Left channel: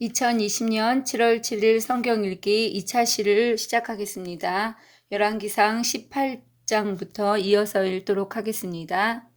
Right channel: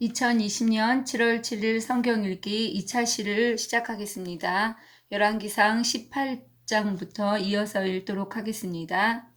2020년 7월 7일 성경 읽기 2차 시를 시작하겠습니다. 열왕기상 18장부터 이어서 읽도록 하겠습니다.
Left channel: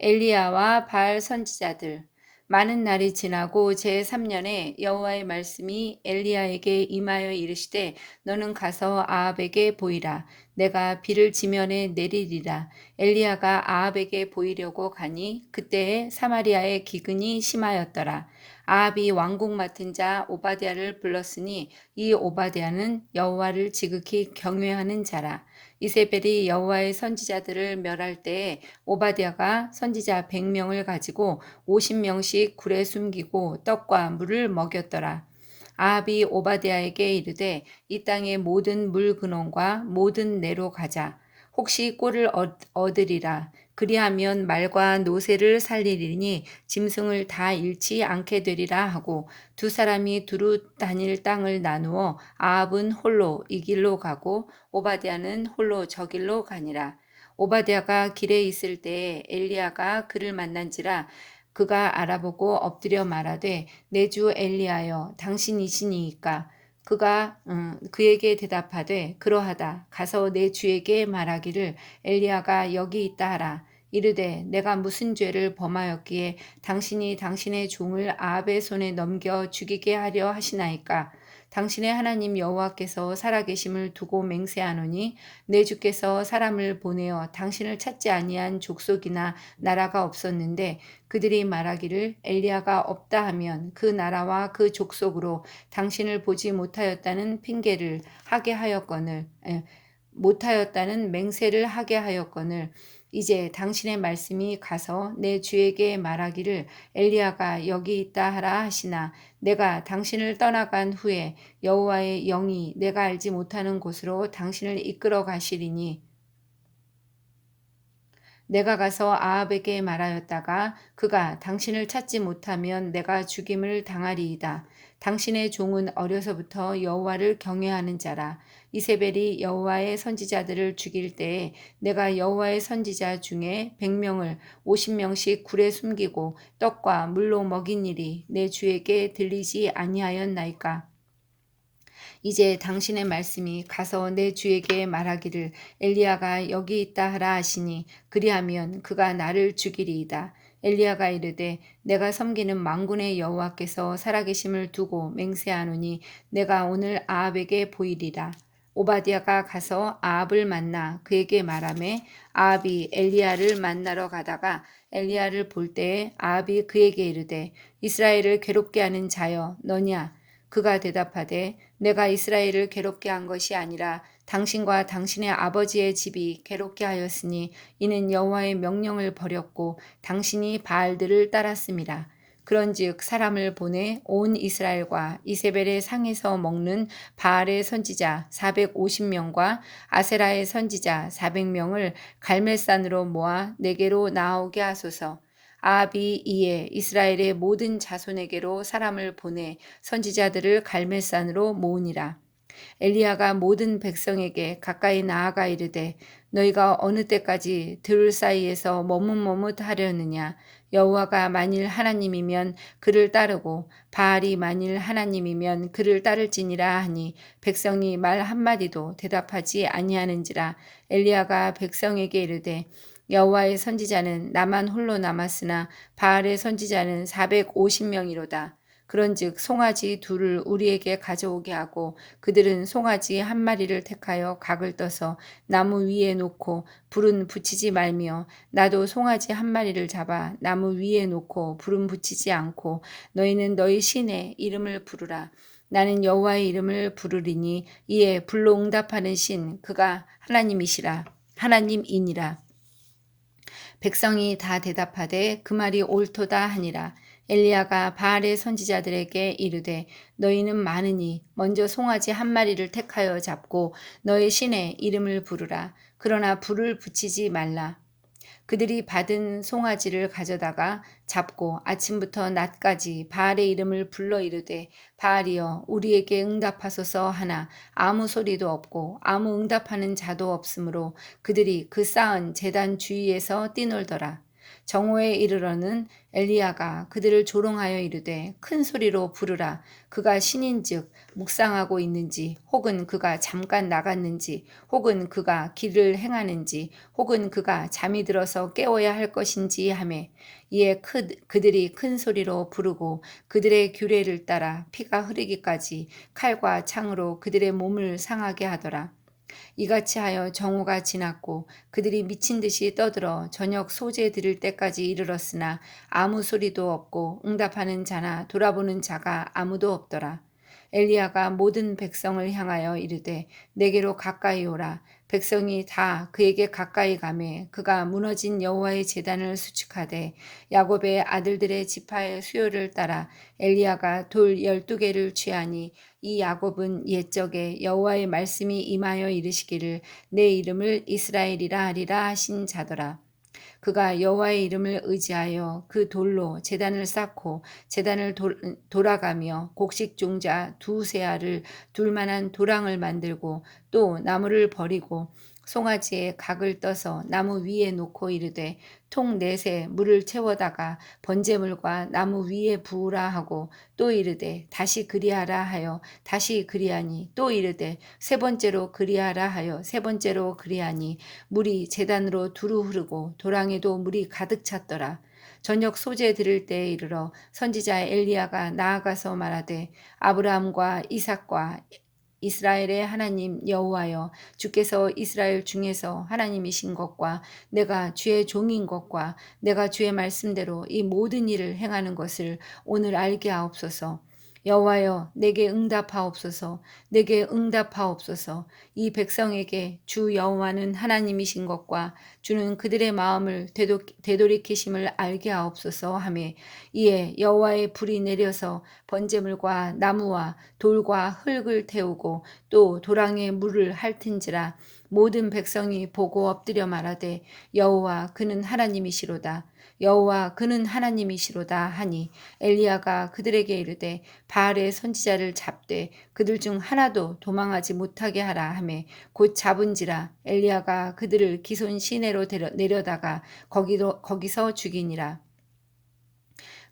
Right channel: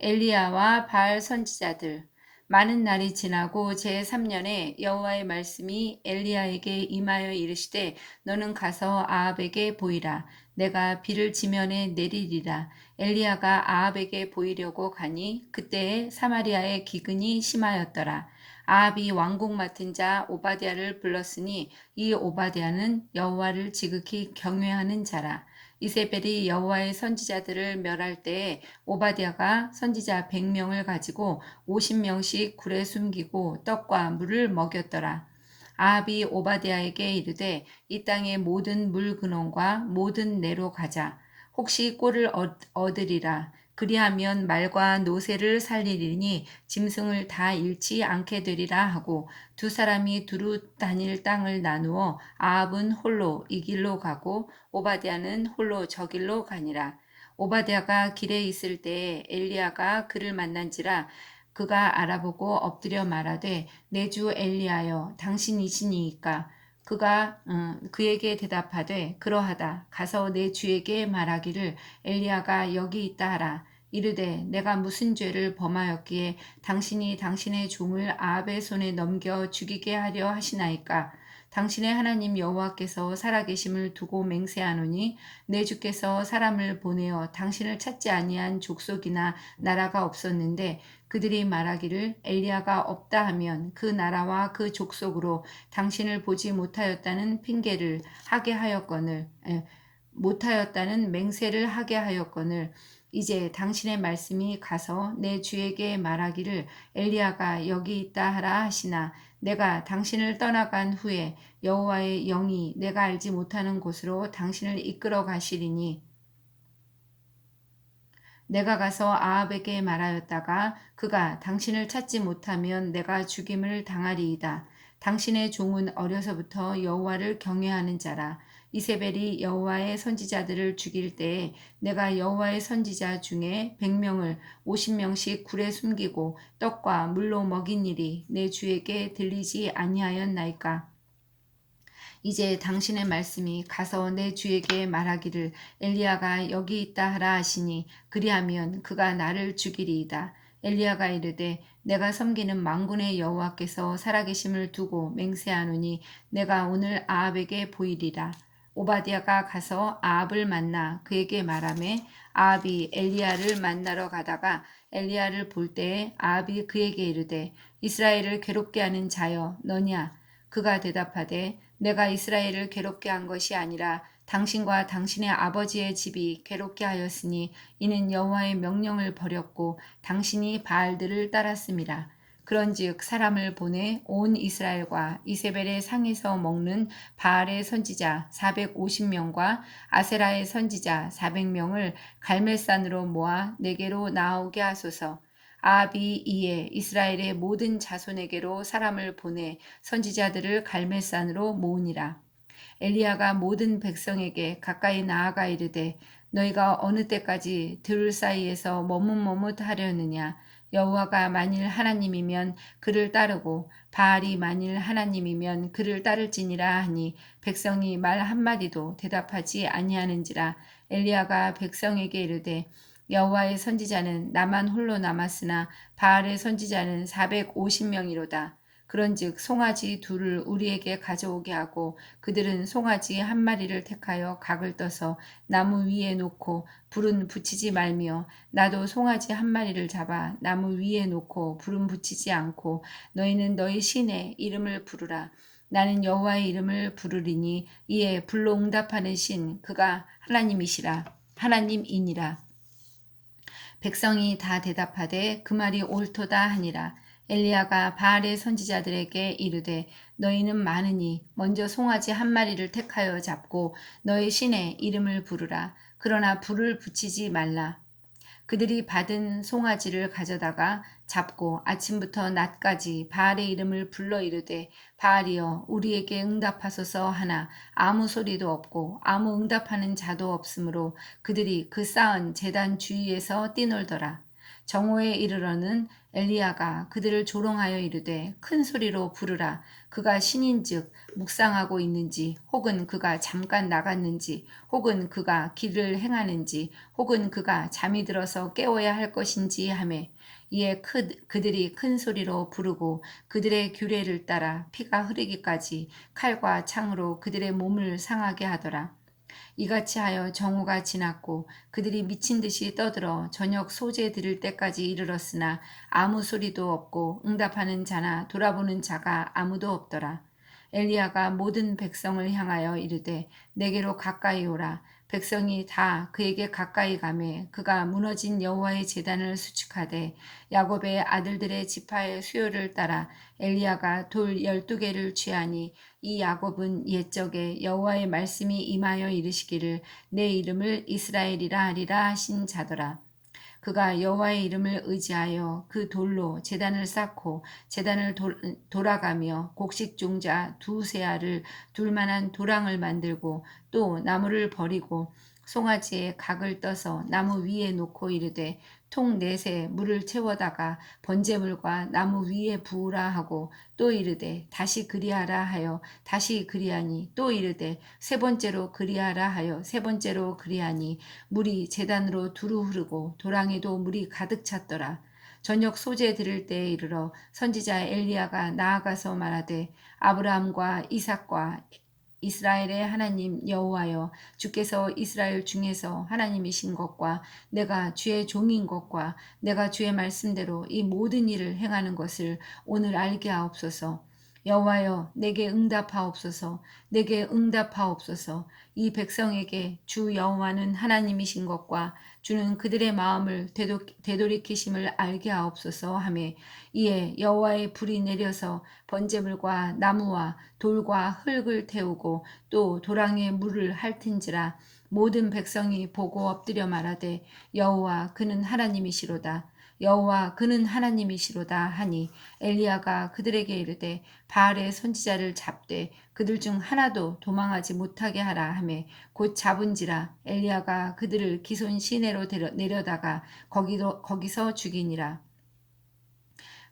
엘리야와 바알 선지자들. 많은 날이 지나고 제3년에 여호와의 말씀이 엘리야에게 임하여 이르시되 너는 가서 아합에게 보이라. 내가 비를 지면에 내리리라. 엘리야가 아합에게 보이려고 가니 그때에 사마리아의 기근이 심하였더라. 아합이 왕궁 맡은 자 오바댜를 불렀으니 이 오바댜는 여호와를 지극히 경외하는 자라. 이세벨이 여호와의 선지자들을 멸할 때에 오바댜가 선지자 100명을 가지고 50명씩 굴에 숨기고 떡과 물을 먹였더라. 아합이 오바댜에게 이르되 이 땅의 모든 물 근원과 모든 내로 가자. 혹시 꼴을 얻으리라. 그리하면 말과 노새를 살리리니 짐승을 다 잃지 않게 되리라 하고 두 사람이 두루 다닐 땅을 나누어 아합은 홀로 이 길로 가고 오바댜는 홀로 저 길로 가니라. 오바댜가 길에 있을 때에 엘리야가 그를 만난지라. 그가 알아보고 엎드려 말하되 내 주 엘리야여 당신이시니이까. 그가 그에게 대답하되 그러하다. 가서 내 주에게 말하기를 엘리야가 여기 있다 하라. 이르되 내가 무슨 죄를 범하였기에 당신이 당신의 종을 아합의 손에 넘겨 죽이게 하려 하시나이까. 당신의 하나님 여호와께서 살아계심을 두고 맹세하노니 내 주께서 사람을 보내어 당신을 찾지 아니한 족속이나 나라가 없었는데 그들이 말하기를 엘리야가 없다 하면 그 나라와 그 족속으로 당신을 보지 못하였다는 핑계를 하게 하였거늘 못하였다는 맹세를 하게 하였거늘 이제 당신의 말씀이 가서 내 주에게 말하기를 엘리야가 여기 있다 하라 하시나 내가 당신을 떠나간 후에 여호와의 영이 내가 알지 못하는 곳으로 당신을 이끌어 가시리니 내가 가서 아합에게 말하였다가 그가 당신을 찾지 못하면 내가 죽임을 당하리이다. 당신의 종은 어려서부터 여호와를 경외하는 자라. 이세벨이 여호와의 선지자들을 죽일 때에 내가 여호와의 선지자 중에 100명을 50명씩 굴에 숨기고 떡과 물로 먹인 일이 내 주에게 들리지 아니하였나이까. 이제 당신의 말씀이 가서 내 주에게 말하기를 엘리야가 여기 있다 하라 하시니 그리하면 그가 나를 죽이리이다. 엘리야가 이르되 내가 섬기는 만군의 여호와께서 살아계심을 두고 맹세하노니 내가 오늘 아합에게 보이리라. 오바댜가 가서 아합을 만나 그에게 말하매 아합이 엘리야를 만나러 가다가 엘리야를 볼 때에 아합이 그에게 이르되 이스라엘을 괴롭게 하는 자여 너냐. 그가 대답하되 내가 이스라엘을 괴롭게 한 것이 아니라 당신과 당신의 아버지의 집이 괴롭게 하였으니 이는 여호와의 명령을 버렸고 당신이 바알들을 따랐음이라. 그런즉 사람을 보내 온 이스라엘과 이세벨의 상에서 먹는 바알의 선지자 450명과 아세라의 선지자 400명을 갈멜산으로 모아 내게로 나오게 하소서. 아합이 이에 이스라엘의 모든 자손에게로 사람을 보내 선지자들을 갈멜산으로 모으니라. 엘리야가 모든 백성에게 가까이 나아가 이르되 너희가 어느 때까지 들 사이에서 머뭇머뭇하려느냐. 여호와가 만일 하나님이면 그를 따르고 바알이 만일 하나님이면 그를 따를지니라 하니 백성이 말 한마디도 대답하지 아니하는지라. 엘리야가 백성에게 이르되 여호와의 선지자는 나만 홀로 남았으나 바알의 선지자는 450명이로다. 그런즉 송아지 둘을 우리에게 가져오게 하고 그들은 송아지 한 마리를 택하여 각을 떠서 나무 위에 놓고 불은 붙이지 말며 나도 송아지 한 마리를 잡아 나무 위에 놓고 불은 붙이지 않고 너희는 너희 신의 이름을 부르라. 나는 여호와의 이름을 부르리니 이에 불로 응답하는 신 그가 하나님이시라 하나님이니라. 백성이 다 대답하되 그 말이 옳도다 하니라. 엘리야가 바알의 선지자들에게 이르되 너희는 많으니 먼저 송아지 한 마리를 택하여 잡고 너희 신의 이름을 부르라. 그러나 불을 붙이지 말라. 그들이 받은 송아지를 가져다가 잡고 아침부터 낮까지 바알의 이름을 불러 이르되 바알이여 우리에게 응답하소서 하나 아무 소리도 없고 아무 응답하는 자도 없으므로 그들이 그 쌓은 제단 주위에서 뛰놀더라. 정오에 이르러는 엘리야가 그들을 조롱하여 이르되 큰 소리로 부르라. 그가 신인즉 묵상하고 있는지, 혹은 그가 잠깐 나갔는지, 혹은 그가 길을 행하는지, 혹은 그가 잠이 들어서 깨워야 할 것인지 하매, 이에 그들이 큰 소리로 부르고 그들의 규례를 따라 피가 흐르기까지 칼과 창으로 그들의 몸을 상하게 하더라. 이같이 하여 정오가 지났고 그들이 미친 듯이 떠들어 저녁 소재 들을 때까지 이르렀으나 아무 소리도 없고 응답하는 자나 돌아보는 자가 아무도 없더라. 엘리야가 모든 백성을 향하여 이르되 내게로 가까이 오라. 백성이 다 그에게 가까이 가매 그가 무너진 여호와의 제단을 수축하되 야곱의 아들들의 지파의 수요를 따라 엘리야가 돌 12개를 취하니 이 야곱은 옛적에 여호와의 말씀이 임하여 이르시기를 내 이름을 이스라엘이라 하리라 하신 자더라. 그가 여호와의 이름을 의지하여 그 돌로 제단을 쌓고 제단을 돌아가며 곡식 종자 두세 알을 둘 만한 도랑을 만들고 또 나무를 버리고 송아지에 각을 떠서 나무 위에 놓고 이르되 통 넷에 물을 채워다가 번제물과 나무 위에 부으라 하고 또 이르되 다시 그리하라 하여 다시 그리하니 또 이르되 세 번째로 그리하라 하여 세 번째로 그리하니 물이 제단으로 두루 흐르고 도랑에도 물이 가득 찼더라. 저녁 소재 들을 때에 이르러 선지자 엘리야가 나아가서 말하되 아브라함과 이삭과 이스라엘의 하나님 여호와여 주께서 이스라엘 중에서 하나님이신 것과 내가 주의 종인 것과 내가 주의 말씀대로 이 모든 일을 행하는 것을 오늘 알게 하옵소서. 여호와여 내게 응답하옵소서. 내게 응답하옵소서. 이 백성에게 주 여호와는 하나님이신 것과 주는 그들의 마음을 되돌이키심을 알게 하옵소서 하매 이에 여호와의 불이 내려서 번제물과 나무와 돌과 흙을 태우고 또 도랑에 물을 핥은지라 모든 백성이 보고 엎드려 말하되 여호와 그는 하나님이시로다. 여호와 그는 하나님이시로다 하니 엘리야가 그들에게 이르되 바알의 선지자를 잡되 그들 중 하나도 도망하지 못하게 하라 하매 곧 잡은지라 엘리야가 그들을 기손 시내로 내려다가 거기서 죽이니라.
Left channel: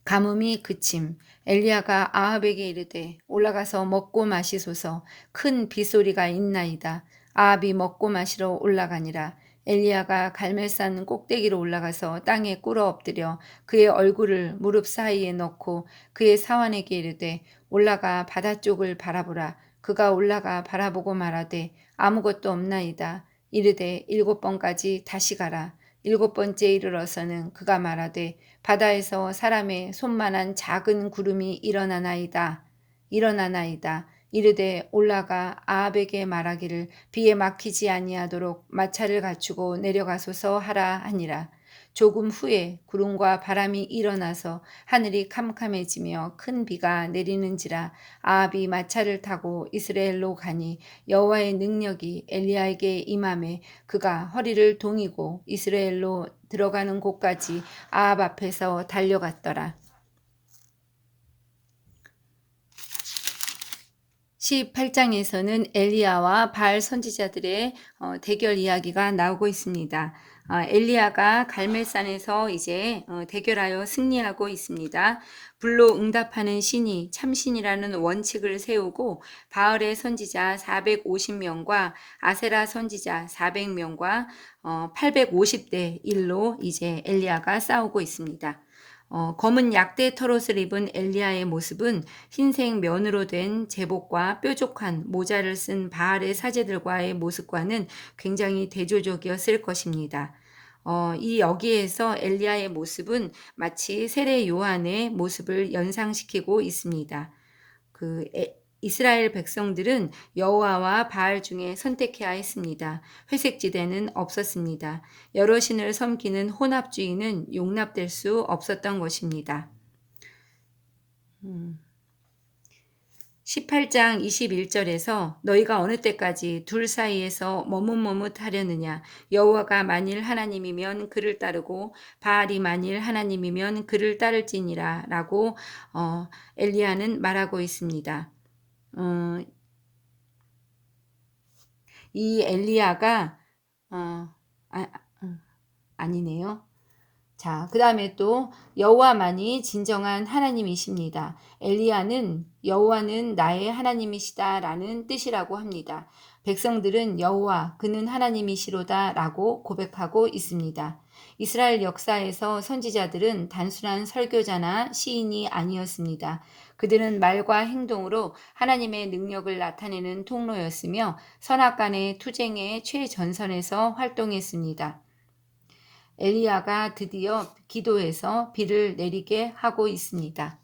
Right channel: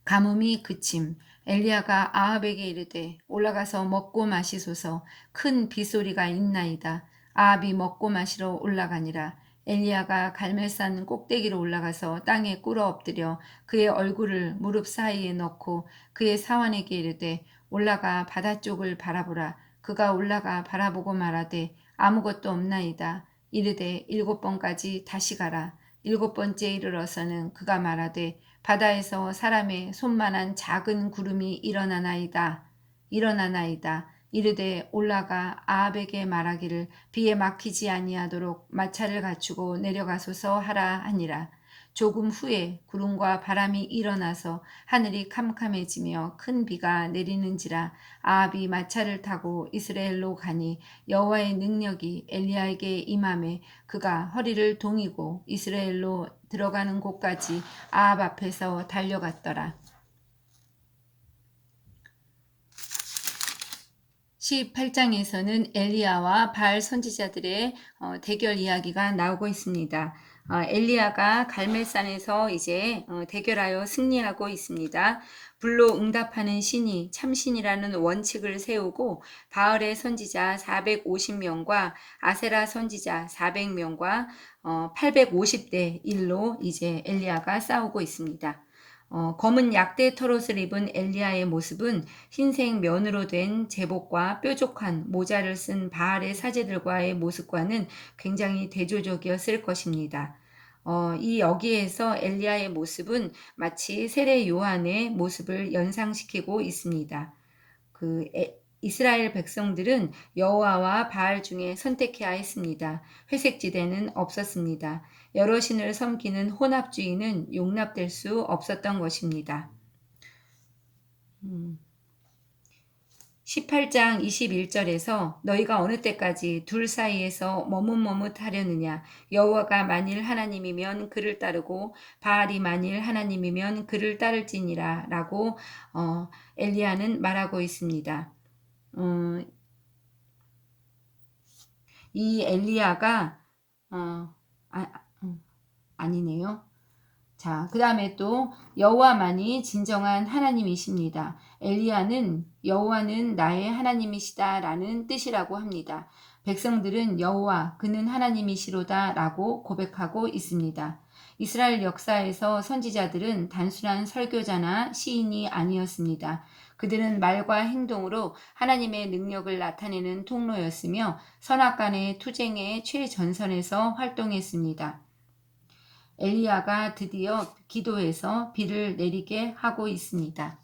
가뭄이 그침 엘리야가 아합에게 이르되 올라가서 먹고 마시소서. 큰 빗소리가 있나이다. 아합이 먹고 마시러 올라가니라. 엘리야가 갈멜산 꼭대기로 올라가서 땅에 꿇어 엎드려 그의 얼굴을 무릎 사이에 넣고 그의 사환에게 이르되 올라가 바다 쪽을 바라보라. 그가 올라가 바라보고 말하되 아무것도 없나이다. 이르되 7번까지 다시 가라. 7번째 이르러서는 그가 말하되 바다에서 사람의 손만한 작은 구름이 일어나나이다. 이르되 올라가 아합에게 말하기를 비에 막히지 아니하도록 마차를 갖추고 내려가소서 하라 하니라. 조금 후에 구름과 바람이 일어나서 하늘이 캄캄해지며 큰 비가 내리는지라 아합이 마차를 타고 이스라엘로 가니 여호와의 능력이 엘리야에게 임하매 그가 허리를 동이고 이스라엘로 들어가는 곳까지 아합 앞에서 달려갔더라. 18장에서는 엘리야와 바알 선지자들의 대결 이야기가 나오고 있습니다. 엘리야가 갈멜산에서 이제 대결하여 승리하고 있습니다. 불로 응답하는 신이 참신이라는 원칙을 세우고 바알의 선지자 450명과 아세라 선지자 400명과 850대 1로 이제 엘리야가 싸우고 있습니다. 검은 약대 털옷을 입은 엘리야의 모습은 흰색 면으로 된 제복과 뾰족한 모자를 쓴 바알의 사제들과의 모습과는 굉장히 대조적이었을 것입니다. 여기에서 엘리야의 모습은 마치 세례 요한의 모습을 연상시키고 있습니다. 이스라엘 백성들은 여호와와 바알 중에 선택해야 했습니다. 회색지대는 없었습니다. 여러 신을 섬기는 혼합주의는 용납될 수 없었던 것입니다. 18장 21절에서 너희가 어느 때까지 둘 사이에서 머뭇머뭇하려느냐 여호와가 만일 하나님이면 그를 따르고 바알이 만일 하나님이면 그를 따를지니라 라고 엘리야는 말하고 있습니다. 이 엘리야가 아니네요. 자, 그 다음에 또 여호와만이 진정한 하나님이십니다. 엘리야는 여호와는 나의 하나님이시다라는 뜻이라고 합니다. 백성들은 여호와 그는 하나님이시로다라고 고백하고 있습니다. 이스라엘 역사에서 선지자들은 단순한 설교자나 시인이 아니었습니다. 그들은 말과 행동으로 하나님의 능력을 나타내는 통로였으며 선악간의 투쟁의 최전선에서 활동했습니다. 엘리야가 드디어 기도해서 비를 내리게 하고 있습니다.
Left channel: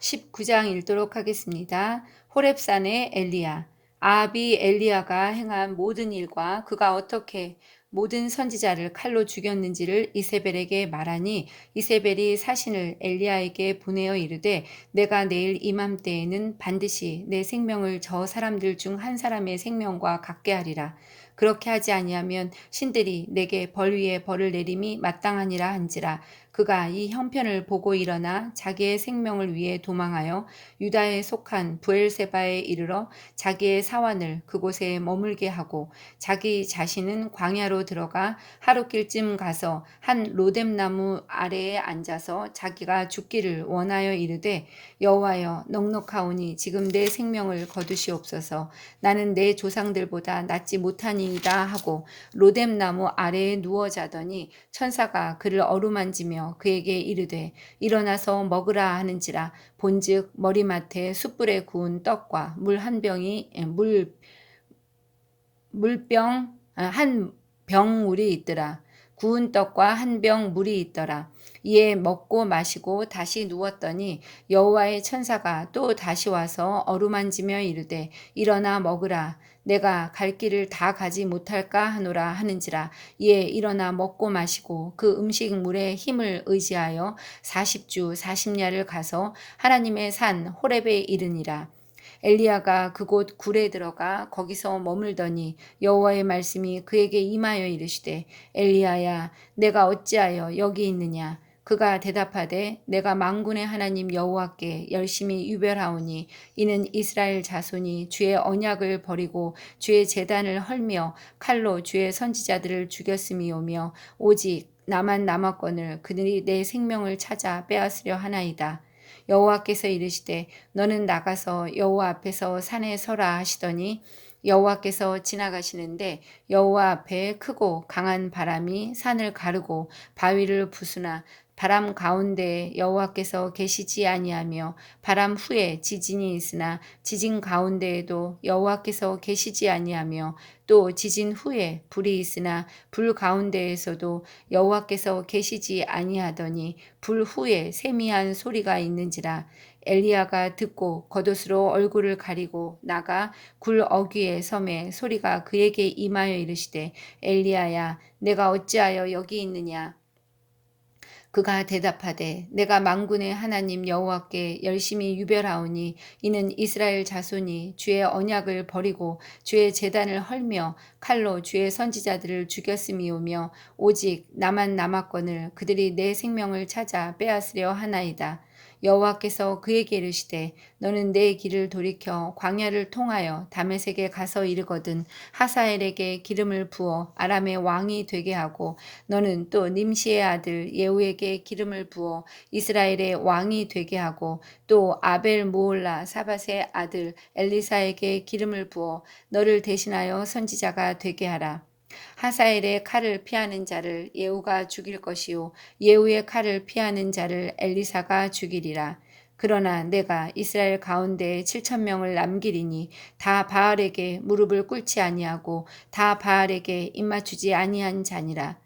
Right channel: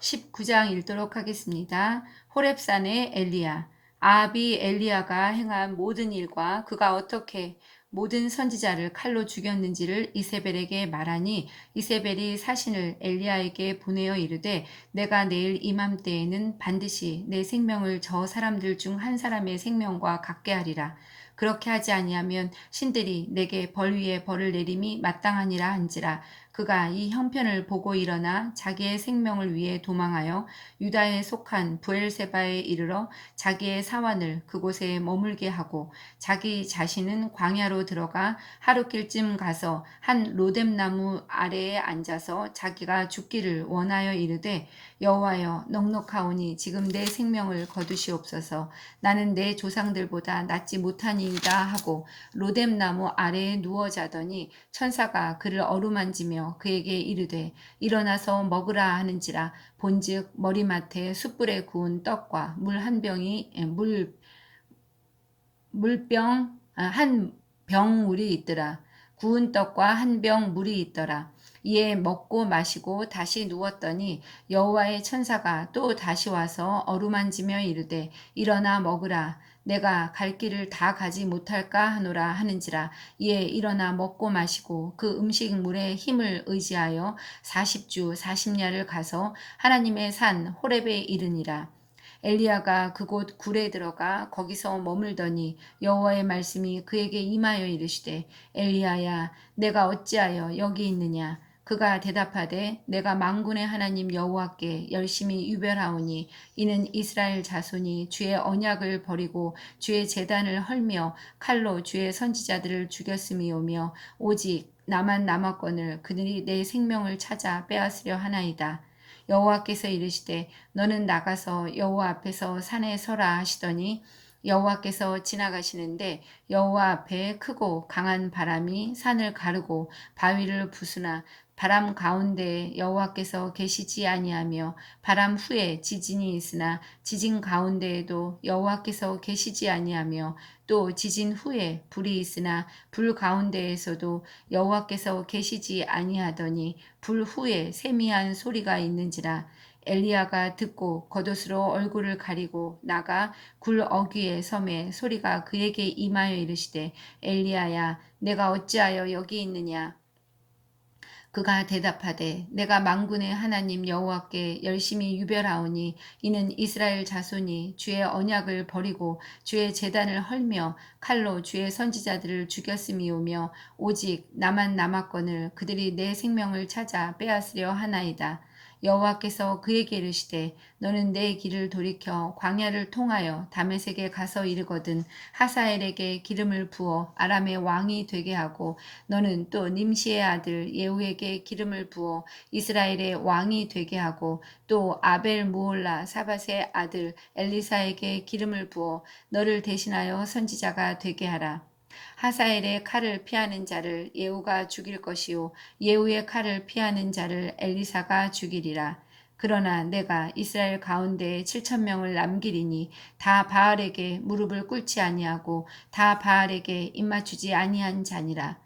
19장 읽도록 하겠습니다. 호렙산의 엘리야. 아합이 엘리야가 행한 모든 일과 그가 어떻게 모든 선지자를 칼로 죽였는지를 이세벨에게 말하니 이세벨이 사신을 엘리야에게 보내어 이르되 내가 내일 이맘때에는 반드시 내 생명을 저 사람들 중 한 사람의 생명과 같게 하리라. 그렇게 하지 아니하면 신들이 내게 벌 위에 벌을 내림이 마땅하니라 한지라. 그가 이 형편을 보고 일어나 자기의 생명을 위해 도망하여 유다에 속한 부엘세바에 이르러 자기의 사환을 그곳에 머물게 하고 자기 자신은 광야로 들어가 하루길쯤 가서 한 로뎀나무 아래에 앉아서 자기가 죽기를 원하여 이르되 여호와여 넉넉하오니 지금 내 생명을 거두시옵소서. 나는 내 조상들보다 낫지 못하니이다 하고 로뎀나무 아래에 누워 자더니 천사가 그를 어루만지며 그에게 이르되 일어나서 먹으라 하는지라. 본즉 머리맡에 숯불에 구운 떡과 물 한 병이 물병 한 병물이 있더라. 구운 떡과 한 병 물이 있더라. 이에 먹고 마시고 다시 누웠더니 여호와의 천사가 또 다시 와서 어루만지며 이르되 일어나 먹으라. 내가 갈 길을 다 가지 못할까 하노라 하는지라. 이에 일어나 먹고 마시고 그 음식물의 힘을 의지하여 40주 40야를 가서 하나님의 산 호렙에 이르니라. 엘리야가 그곳 굴에 들어가 거기서 머물더니 여호와의 말씀이 그에게 임하여 이르시되 엘리야야 내가 어찌하여 여기 있느냐. 그가 대답하되 내가 만군의 하나님 여호와께 열심히 유별하오니 이는 이스라엘 자손이 주의 언약을 버리고 주의 제단을 헐며 칼로 주의 선지자들을 죽였음이오며 오직 나만 남았거늘 그들이 내 생명을 찾아 빼앗으려 하나이다. 여호와께서 이르시되 너는 나가서 여호와 앞에서 산에 서라 하시더니 여호와께서 지나가시는데 여호와 앞에 크고 강한 바람이 산을 가르고 바위를 부수나 바람 가운데에 여호와께서 계시지 아니하며 바람 후에 지진이 있으나 지진 가운데에도 여호와께서 계시지 아니하며 또 지진 후에 불이 있으나 불 가운데에서도 여호와께서 계시지 아니하더니 불 후에 세미한 소리가 있는지라. 엘리야가 듣고 겉옷으로 얼굴을 가리고 나가 굴 어귀에 섬에 소리가 그에게 임하여 이르시되 엘리야야 내가 어찌하여 여기 있느냐. 그가 대답하되 내가 만군의 하나님 여호와께 열심히 유별하오니 이는 이스라엘 자손이 주의 언약을 버리고 주의 제단을 헐며 칼로 주의 선지자들을 죽였음이오며 오직 나만 남았거늘 그들이 내 생명을 찾아 빼앗으려 하나이다. 여호와께서 그에게 이르시되 너는 내 길을 돌이켜 광야를 통하여 다메섹에 가서 이르거든 하사엘에게 기름을 부어 아람의 왕이 되게 하고 너는 또 님시의 아들 예후에게 기름을 부어 이스라엘의 왕이 되게 하고 또 아벨 무올라 사밧의 아들 엘리사에게 기름을 부어 너를 대신하여 선지자가 되게 하라. 하사엘의 칼을 피하는 자를 예후가 죽일 것이요 예후의 칼을 피하는 자를 엘리사가 죽이리라. 그러나 내가 이스라엘 가운데 7,000명을 남기리니 다 바알에게 무릎을 꿇지 아니하고 다 바알에게 입맞추지 아니한 자니라.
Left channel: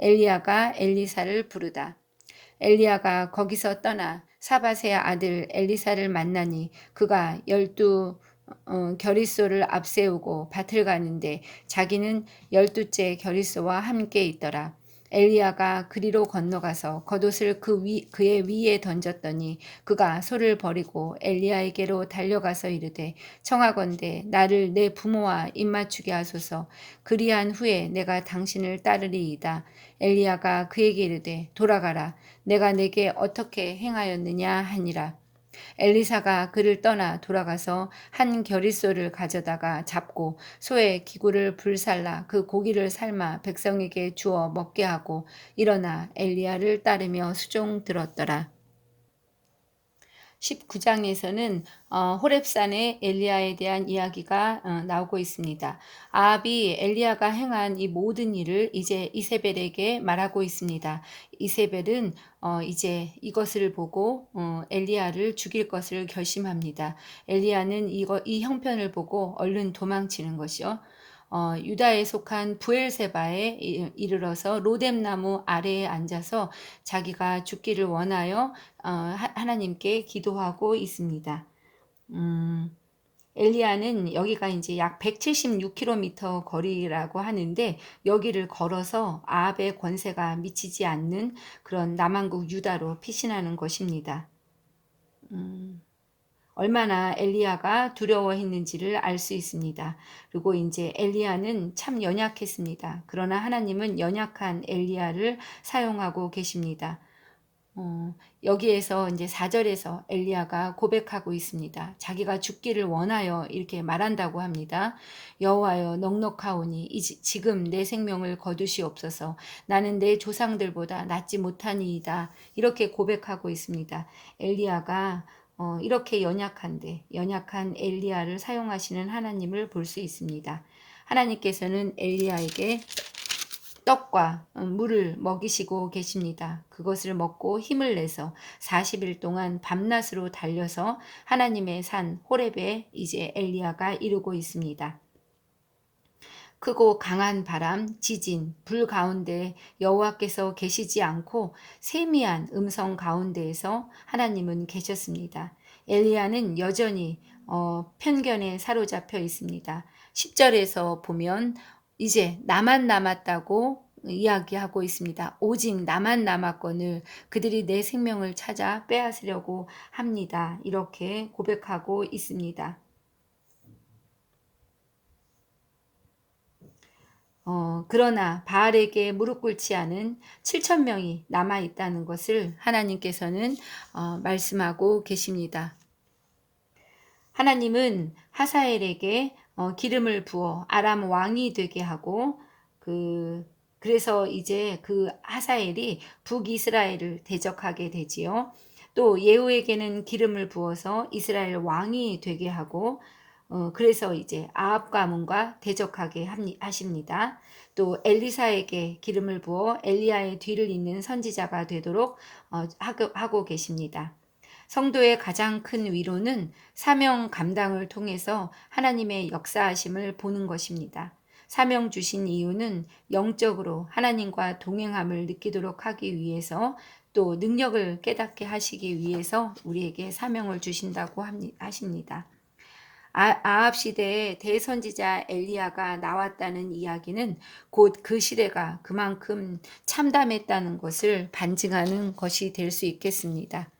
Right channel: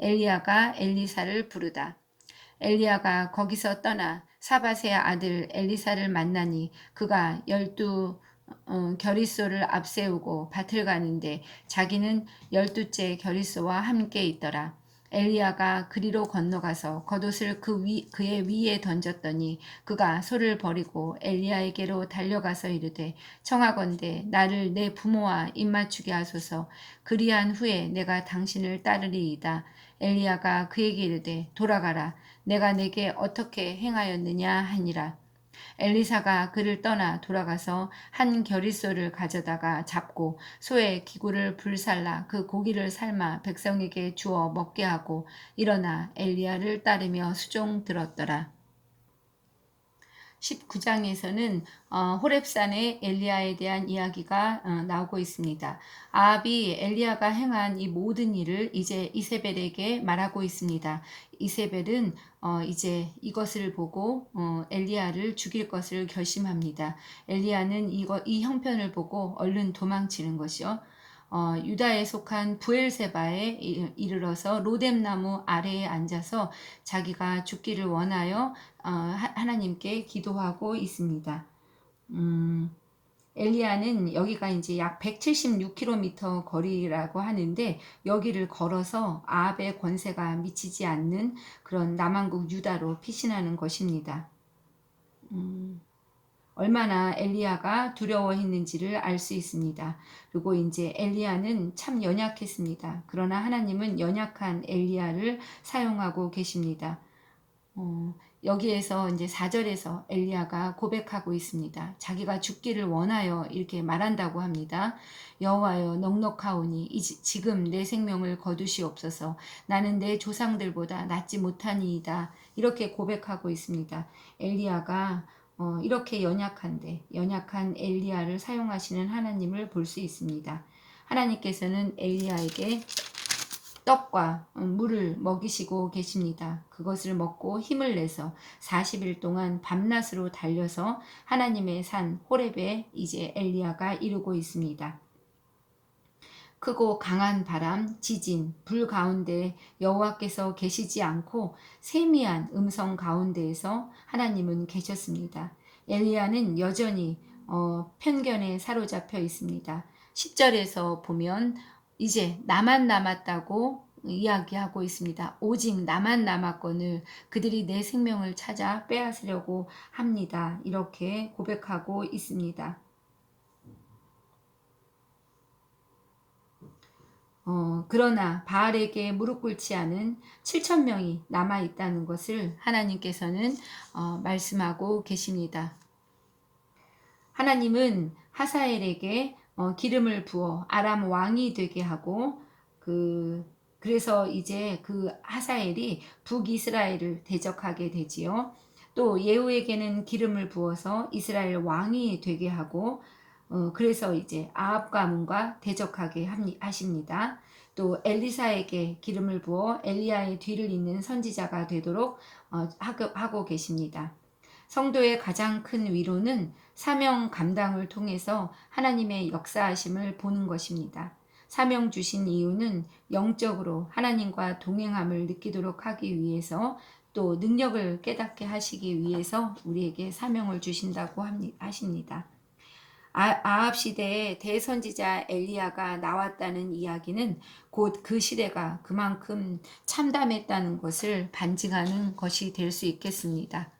엘리야가 엘리사를 부르다. 엘리야가 거기서 떠나 사밧의 아들 엘리사를 만나니 그가 12 겨릿소를 앞세우고 밭을 가는데 자기는 12째 겨릿소와 함께 있더라. 엘리야가 그리로 건너가서 겉옷을 그의 위에 던졌더니 그가 소를 버리고 엘리야에게로 달려가서 이르되 청하건대 나를 내 부모와 입맞추게 하소서. 그리한 후에 내가 당신을 따르리이다. 엘리야가 그에게 이르되 돌아가라. 내가 내게 어떻게 행하였느냐 하니라. 엘리사가 그를 떠나 돌아가서 한 겨릿소를 가져다가 잡고 소의 기구를 불살라 그 고기를 삶아 백성에게 주어 먹게 하고 일어나 엘리야를 따르며 수종 들었더라. 19장에서는 호렙산의 엘리야에 대한 이야기가 나오고 있습니다. 아합이 엘리야가 행한 이 모든 일을 이제 이세벨에게 말하고 있습니다. 이세벨은 이제 이것을 보고 엘리야를 죽일 것을 결심합니다. 엘리야는 이 형편을 보고 얼른 도망치는 것이요. 유다에 속한 부엘세바에 이르러서 로뎀나무 아래에 앉아서 자기가 죽기를 원하여 하나님께 기도하고 있습니다. 엘리야는 여기가 이제 약 176km 거리라고 하는데 여기를 걸어서 아합의 권세가 미치지 않는 그런 남한국 유다로 피신하는 것입니다. 얼마나 엘리야가 두려워했는지를 알 수 있습니다. 그리고 이제 엘리야는 참 연약했습니다. 그러나 하나님은 연약한 엘리야를 사용하고 계십니다. 여기에서 이제 4절에서 엘리야가 고백하고 있습니다. 자기가 죽기를 원하여 이렇게 말한다고 합니다. 여호와여 넉넉하오니 지금 내 생명을 거두시옵소서. 나는 내 조상들보다 낫지 못하니이다. 이렇게 고백하고 있습니다. 엘리야가 이렇게 연약한 엘리야를 사용하시는 하나님을 볼 수 있습니다. 하나님께서는 엘리야에게 떡과 물을 먹이시고 계십니다. 그것을 먹고 힘을 내서 40일 동안 밤낮으로 달려서 하나님의 산 호렙에 이제 엘리야가 이르고 있습니다. 크고 강한 바람, 지진, 불 가운데 여호와께서 계시지 않고 세미한 음성 가운데에서 하나님은 계셨습니다. 엘리야는 여전히 편견에 사로잡혀 있습니다. 10절에서 보면 이제 나만 남았다고 이야기하고 있습니다. 오직 나만 남았거늘 그들이 내 생명을 찾아 빼앗으려고 합니다. 이렇게 고백하고 있습니다. 그러나 바알에게 무릎 꿇지 않은 7천 명이 남아 있다는 것을 하나님께서는 말씀하고 계십니다. 하나님은 하사엘에게 기름을 부어 아람 왕이 되게 하고 그래서 이제 그 하사엘이 북이스라엘을 대적하게 되지요. 또 예후에게는 기름을 부어서 이스라엘 왕이 되게 하고 그래서 이제 아합 가문과 대적하게 하십니다. 또 엘리사에게 기름을 부어 엘리야의 뒤를 잇는 선지자가 되도록 하고 계십니다. 성도의 가장 큰 위로는 사명 감당을 통해서 하나님의 역사하심을 보는 것입니다. 사명 주신 이유는 영적으로 하나님과 동행함을 느끼도록 하기 위해서 또 능력을 깨닫게 하시기 위해서 우리에게 사명을 주신다고 하십니다. 아합 시대에 대선지자 엘리야가 나왔다는 이야기는 곧 그 시대가 그만큼 참담했다는 것을 반증하는 것이 될 수 있겠습니다.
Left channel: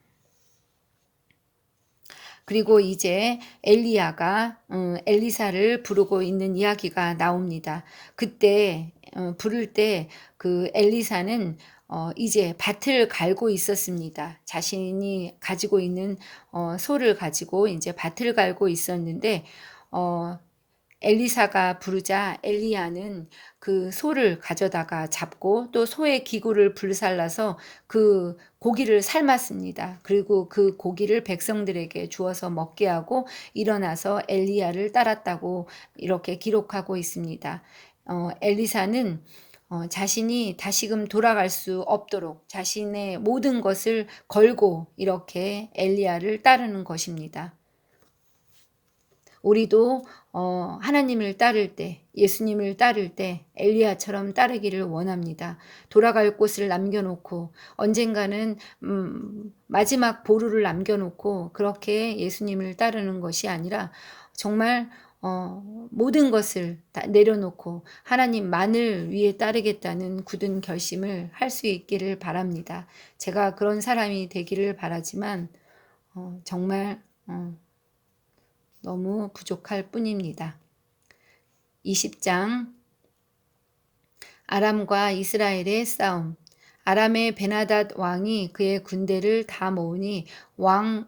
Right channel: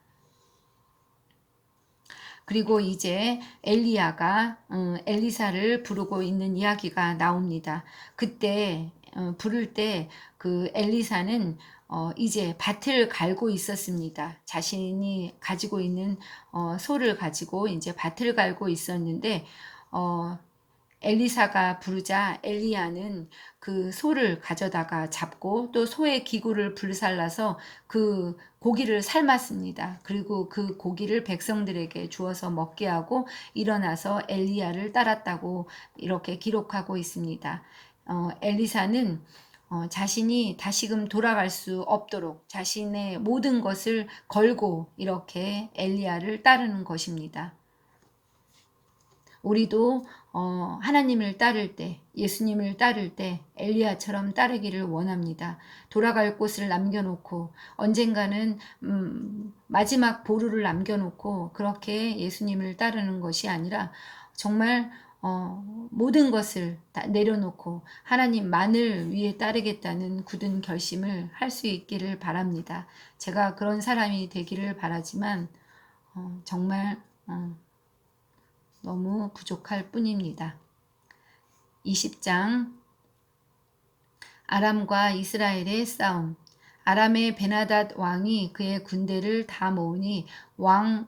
그리고 이제 엘리야가 엘리사를 부르고 있는 이야기가 나옵니다. 그때 부를 때 그 엘리사는 이제 밭을 갈고 있었습니다. 자신이 가지고 있는 소를 가지고 이제 밭을 갈고 있었는데 엘리사가 부르자 엘리야는 그 소를 가져다가 잡고 또 소의 기구를 불살라서 그 고기를 삶았습니다. 그리고 그 고기를 백성들에게 주어서 먹게 하고 일어나서 엘리야를 따랐다고 이렇게 기록하고 있습니다. 엘리사는 자신이 다시금 돌아갈 수 없도록 자신의 모든 것을 걸고 이렇게 엘리야를 따르는 것입니다. 우리도 하나님을 따를 때, 예수님을 따를 때 엘리야처럼 따르기를 원합니다. 돌아갈 곳을 남겨놓고 언젠가는 마지막 보루를 남겨놓고 그렇게 예수님을 따르는 것이 아니라 정말 모든 것을 다 내려놓고 하나님만을 위해 따르겠다는 굳은 결심을 할 수 있기를 바랍니다. 제가 그런 사람이 되기를 바라지만 정말 너무 부족할 뿐입니다. 20장 아람과 이스라엘의 싸움. 아람의 베나닷 왕이 그의 군대를 다 모으니 왕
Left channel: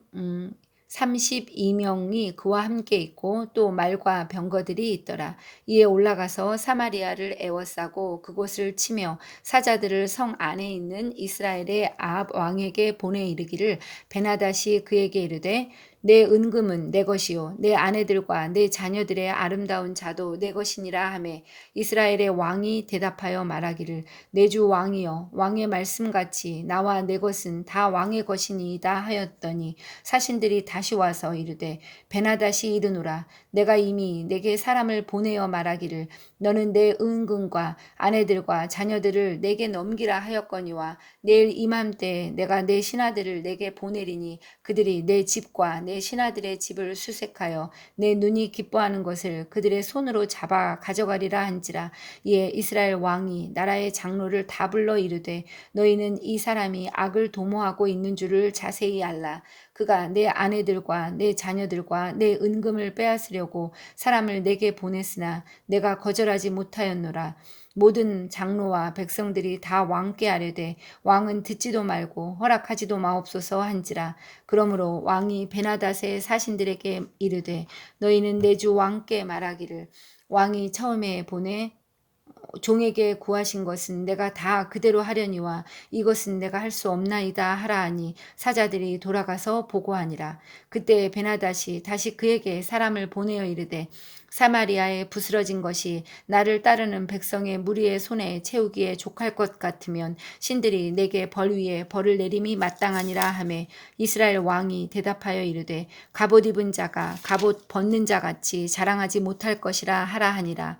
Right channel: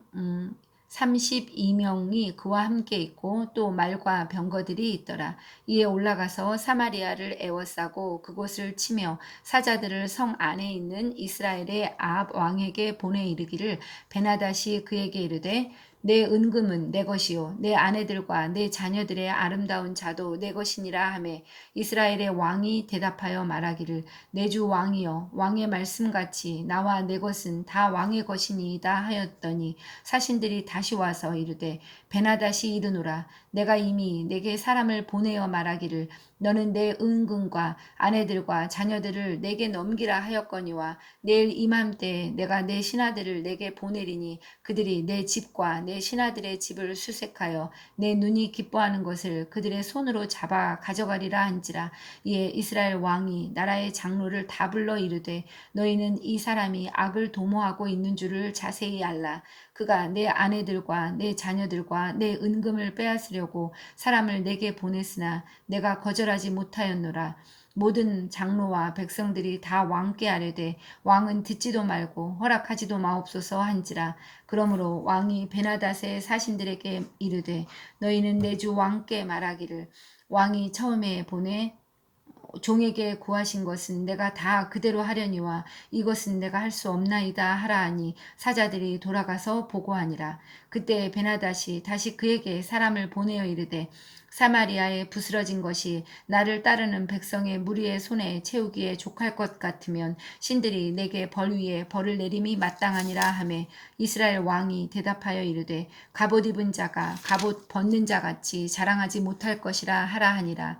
32명이 그와 함께 있고 또 말과 병거들이 있더라. 이에 올라가서 사마리아를 에워싸고 그곳을 치며 사자들을 성 안에 있는 이스라엘의 아합 왕에게 보내 이르기를 베나닷이 그에게 이르되 내 은금은 내 것이요 내 아내들과 내 자녀들의 아름다운 자도 내 것이니라 하매 이스라엘의 왕이 대답하여 말하기를 내 주 왕이여 왕의 말씀같이 나와 내 것은 다 왕의 것이니이다 하였더니 사신들이 다시 와서 이르되 베나닷이 이르노라 내가 이미 내게 사람을 보내어 말하기를 너는 내 은금과 아내들과 자녀들을 내게 넘기라 하였거니와 내일 이맘때에 내가 내 신하들을 내게 보내리니 그들이 내 집과 내 신하들의 집을 수색하여 내 눈이 기뻐하는 것을 그들의 손으로 잡아 가져가리라 한지라. 이에 이스라엘 왕이 나라의 장로를 다 불러 이르되 너희는 이 사람이 악을 도모하고 있는 줄을 자세히 알라. 그가 내 아내들과 내 자녀들과 내 은금을 빼앗으려고 사람을 내게 보냈으나 내가 거절하지 못하였노라. 모든 장로와 백성들이 다 왕께 아뢰되 왕은 듣지도 말고 허락하지도 마옵소서 한지라. 그러므로 왕이 베나닷의 사신들에게 이르되 너희는 내 주 왕께 말하기를 왕이 처음에 보내 종에게 구하신 것은 내가 다 그대로 하려니와 이것은 내가 할 수 없나이다 하라 하니 사자들이 돌아가서 보고하니라. 그때 베나닷이 다시 그에게 사람을 보내어 이르되 사마리아에 부스러진 것이 나를 따르는 백성의 무리의 손에 채우기에 족할 것 같으면 신들이 내게 벌 위에 벌을 내림이 마땅하니라 하매 이스라엘 왕이 대답하여 이르되 갑옷 입은 자가 갑옷 벗는 자 같이 자랑하지 못할 것이라 하라 하니라.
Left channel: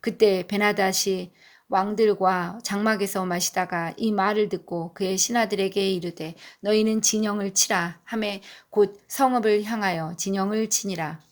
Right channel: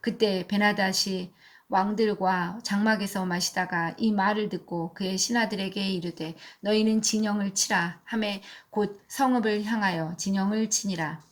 그때 베나닷이 왕들과 장막에서 마시다가 이 말을 듣고 그의 신하들에게 이르되 너희는 진영을 치라 하매 곧 성읍을 향하여 진영을 치니라.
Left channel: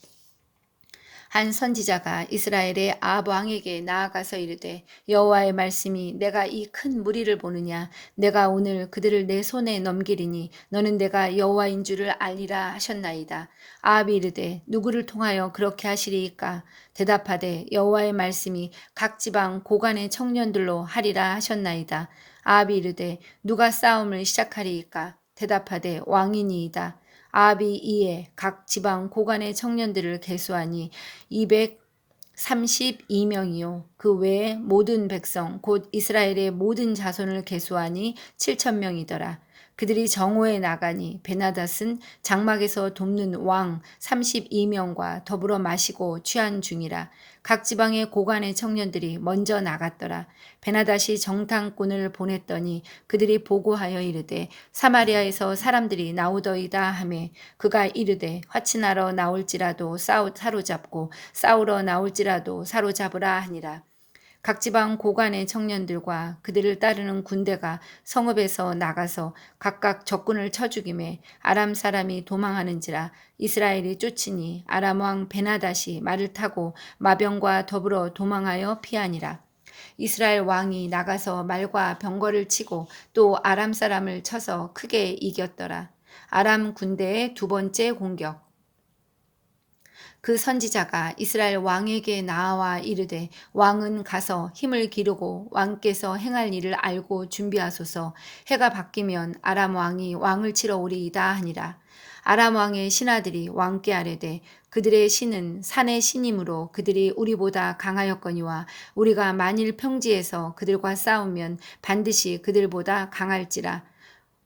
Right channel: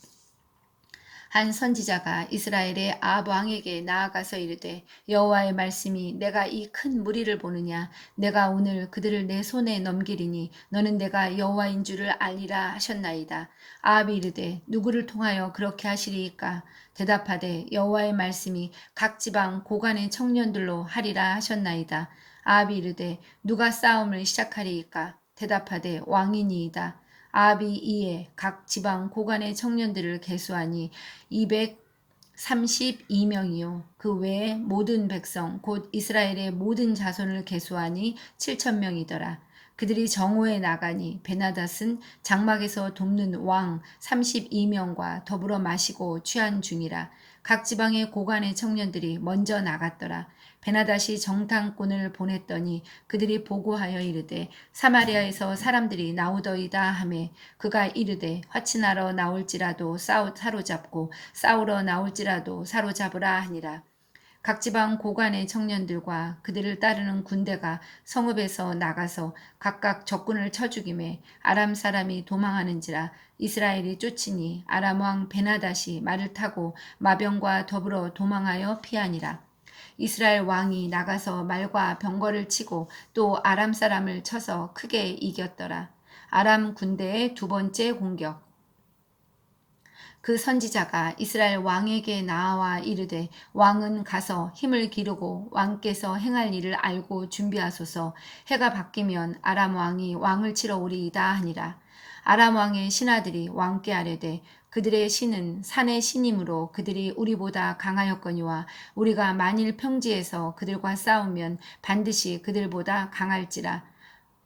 한 선지자가 이스라엘의 아합 왕에게 나아가서 이르되 여호와의 말씀이 내가 이 큰 무리를 보느냐 내가 오늘 그들을 내 손에 넘기리니 너는 내가 여호와인 줄을 알리라 하셨나이다. 아합이 이르되 누구를 통하여 그렇게 하시리이까 대답하되 여호와의 말씀이 각 지방 고관의 청년들로 하리라 하셨나이다. 아합이 이르되 누가 싸움을 시작하리이까 대답하되 왕이니이다. 아합이 이에 각 지방 고관의 청년들을 계수하니 232명이요 그 외에 모든 백성 곧 이스라엘의 모든 자손을 계수하니 7,000명이더라. 그들이 정오에 나가니 베나닷은 장막에서 돕는 왕 32명과 더불어 마시고 취한 중이라. 각 지방의 고관의 청년들이 먼저 나갔더라. 베나닷이 정탐꾼을 보냈더니 그들이 보고하여 이르되 사마리아에서 사람들이 나오더이다 하매 그가 이르되 화친하러 나올지라도 사로잡고 싸우러 나올지라도 사로잡으라 하니라. 각 지방 고관의 청년들과 그들을 따르는 군대가 성읍에서 나가서 각각 적군을 쳐 죽임에 아람 사람이 도망하는지라. 이스라엘이 쫓으니 아람 왕 베나닷이 말을 타고 마병과 더불어 도망하여 피하니라. 이스라엘 왕이 나가서 말과 병거를 치고 또 아람 사람을 쳐서 크게 이겼더라. 아람 군대의 두 번째 공격. 그 선지자가 이스라엘 왕에게 나와 이르되 왕은 가서 힘을 기르고 왕께서 행할 일을 알고 준비하소서. 해가 바뀌면 아람 왕이 왕을 치러 오리이다 하니라. 아람 왕의 신하들이 왕께 아뢰되 그들의 신은 산의 신이므로 그들이 우리보다 강하였거니와 우리가 만일 평지에서 그들과 싸우면 반드시 그들보다 강할지라.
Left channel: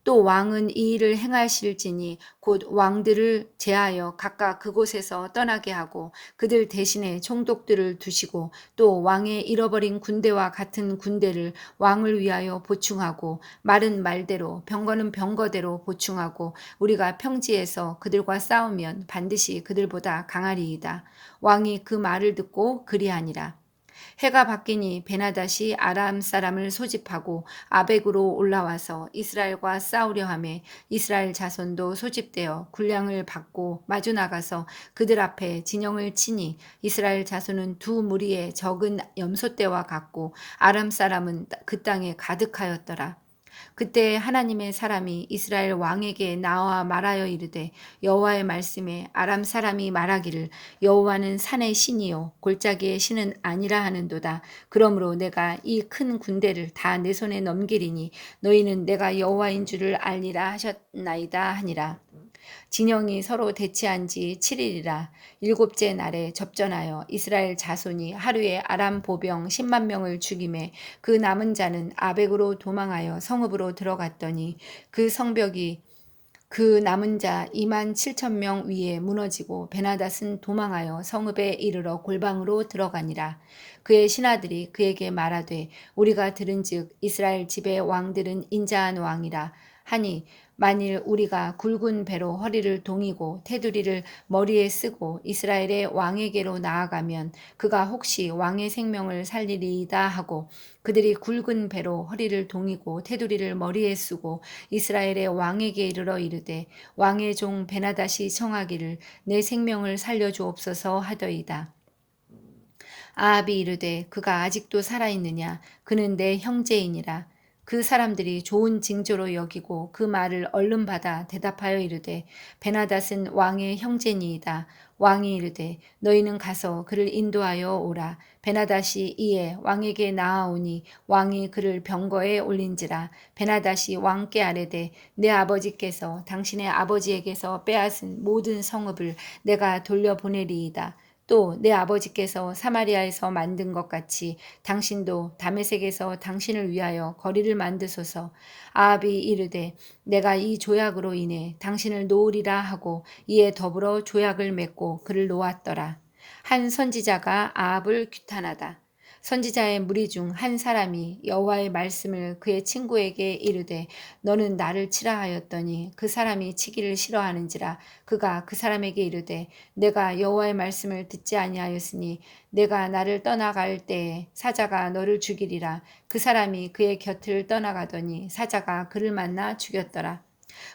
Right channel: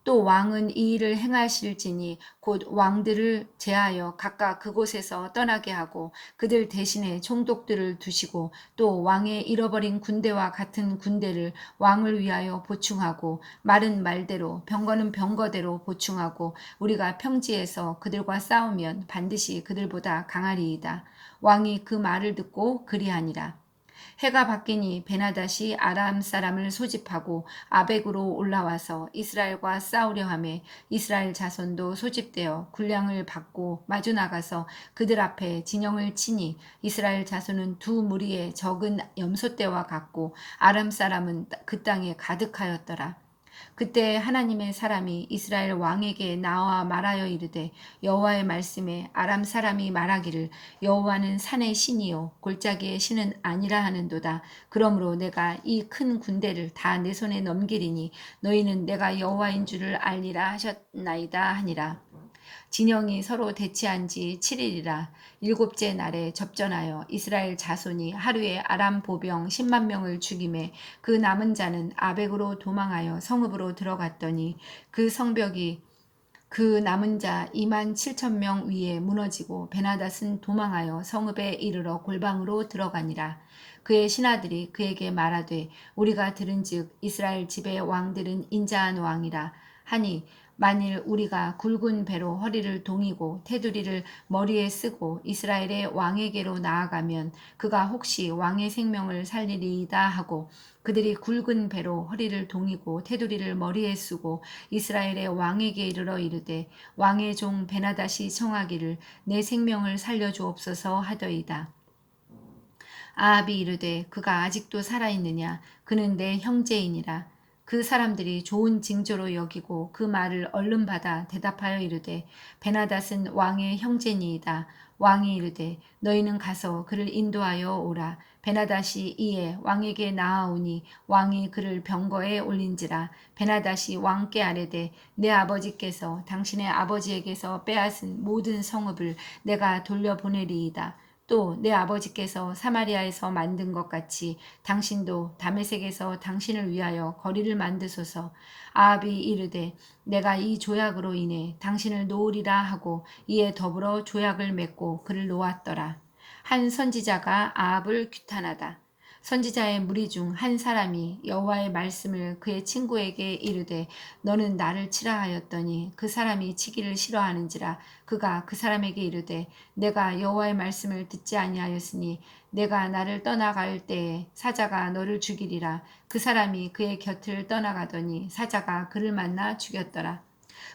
또 왕은 이 일을 행하실지니 곧 왕들을 제하여 각각 그곳에서 떠나게 하고 그들 대신에 총독들을 두시고 또 왕의 잃어버린 군대와 같은 군대를 왕을 위하여 보충하고 말은 말대로 병거는 병거대로 보충하고 우리가 평지에서 그들과 싸우면 반드시 그들보다 강하리이다. 왕이 그 말을 듣고 그리하니라. 해가 바뀌니 베나닷이 아람 사람을 소집하고 아벡으로 올라와서 이스라엘과 싸우려 하매 이스라엘 자손도 소집되어 군량을 받고 마주 나가서 그들 앞에 진영을 치니 이스라엘 자손은 두 무리의 적은 염소떼와 같고 아람 사람은 그 땅에 가득하였더라. 그때 하나님의 사람이 이스라엘 왕에게 나와 말하여 이르되 여호와의 말씀에 아람 사람이 말하기를 여호와는 산의 신이요 골짜기의 신은 아니라 하는도다. 그러므로 내가 이 큰 군대를 다 내 손에 넘기리니 너희는 내가 여호와인 줄을 알리라 하셨나이다 하니라. 진영이 서로 대치한 지 7일이라 일곱째 날에 접전하여 이스라엘 자손이 하루에 아람 보병 10만 명을 죽임에 그 남은 자는 아벡으로 도망하여 성읍으로 들어갔더니 그 성벽이 그 남은 자 2만 7천 명 위에 무너지고 베나닷은 도망하여 성읍에 이르러 골방으로 들어가니라. 그의 신하들이 그에게 말하되 우리가 들은즉 이스라엘 집의 왕들은 인자한 왕이라 하니 만일 우리가 굵은 배로 허리를 동이고 테두리를 머리에 쓰고 이스라엘의 왕에게로 나아가면 그가 혹시 왕의 생명을 살리리이다 하고 그들이 굵은 배로 허리를 동이고 테두리를 머리에 쓰고 이스라엘의 왕에게 이르러 이르되 왕의 종 베나닷이 청하기를 내 생명을 살려주옵소서 하더이다. 아합이 이르되 그가 아직도 살아있느냐 그는 내 형제이니라. 그 사람들이 좋은 징조로 여기고 그 말을 얼른 받아 대답하여 이르되 베나닷은 왕의 형제니이다. 왕이 이르되 너희는 가서 그를 인도하여 오라. 베나닷이 이에 왕에게 나아오니 왕이 그를 병거에 올린지라. 베나닷이 왕께 아뢰되 내 아버지께서 당신의 아버지에게서 빼앗은 모든 성읍을 내가 돌려보내리이다. 또 내 아버지께서 사마리아에서 만든 것 같이 당신도 다메섹에서 당신을 위하여 거리를 만드소서. 아합이 이르되 내가 이 조약으로 인해 당신을 놓으리라 하고 이에 더불어 조약을 맺고 그를 놓았더라. 한 선지자가 아합을 규탄하다. 선지자의 무리 중 한 사람이 여호와의 말씀을 그의 친구에게 이르되 너는 나를 치라 하였더니 그 사람이 치기를 싫어하는지라 그가 그 사람에게 이르되 내가 여호와의 말씀을 듣지 아니하였으니 내가 나를 떠나갈 때에 사자가 너를 죽이리라. 그 사람이 그의 곁을 떠나가더니 사자가 그를 만나 죽였더라.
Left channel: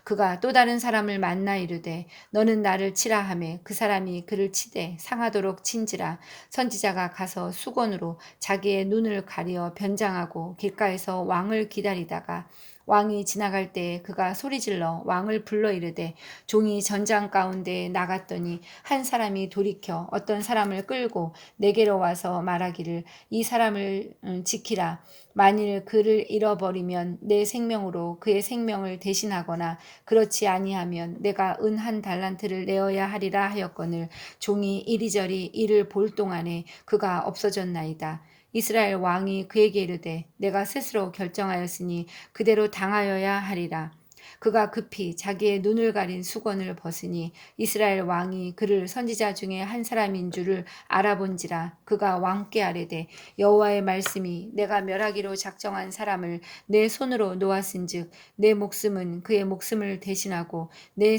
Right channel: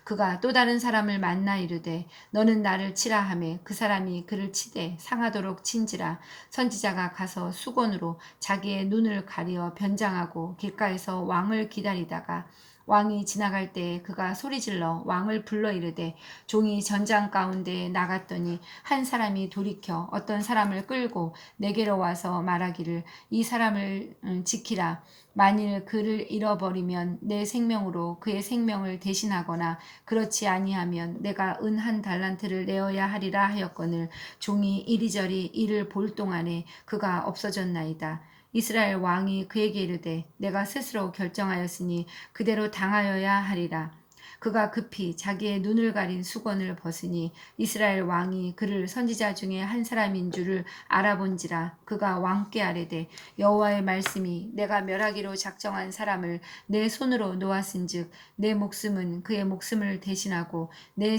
그가 또 다른 사람을 만나 이르되 너는 나를 치라 하매 그 사람이 그를 치되 상하도록 친지라. 선지자가 가서 수건으로 자기의 눈을 가리어 변장하고 길가에서 왕을 기다리다가 왕이 지나갈 때에 그가 소리질러 왕을 불러 이르되 종이 전장 가운데 나갔더니 한 사람이 돌이켜 어떤 사람을 끌고 내게로 와서 말하기를 이 사람을 지키라. 만일 그를 잃어버리면 내 생명으로 그의 생명을 대신하거나 그렇지 아니하면 내가 은 한 달란트를 내어야 하리라 하였거늘 종이 이리저리 이를 볼 동안에 그가 없어졌나이다. 이스라엘 왕이 그에게 이르되 내가 스스로 결정하였으니 그대로 당하여야 하리라. 그가 급히 자기의 눈을 가린 수건을 벗으니 이스라엘 왕이 그를 선지자 중에 한 사람인 줄을 알아본지라. 그가 왕께 아뢰되 여호와의 말씀이 내가 멸하기로 작정한 사람을 내 손으로 놓았은즉 내 목숨은 그의 목숨을 대신하고 내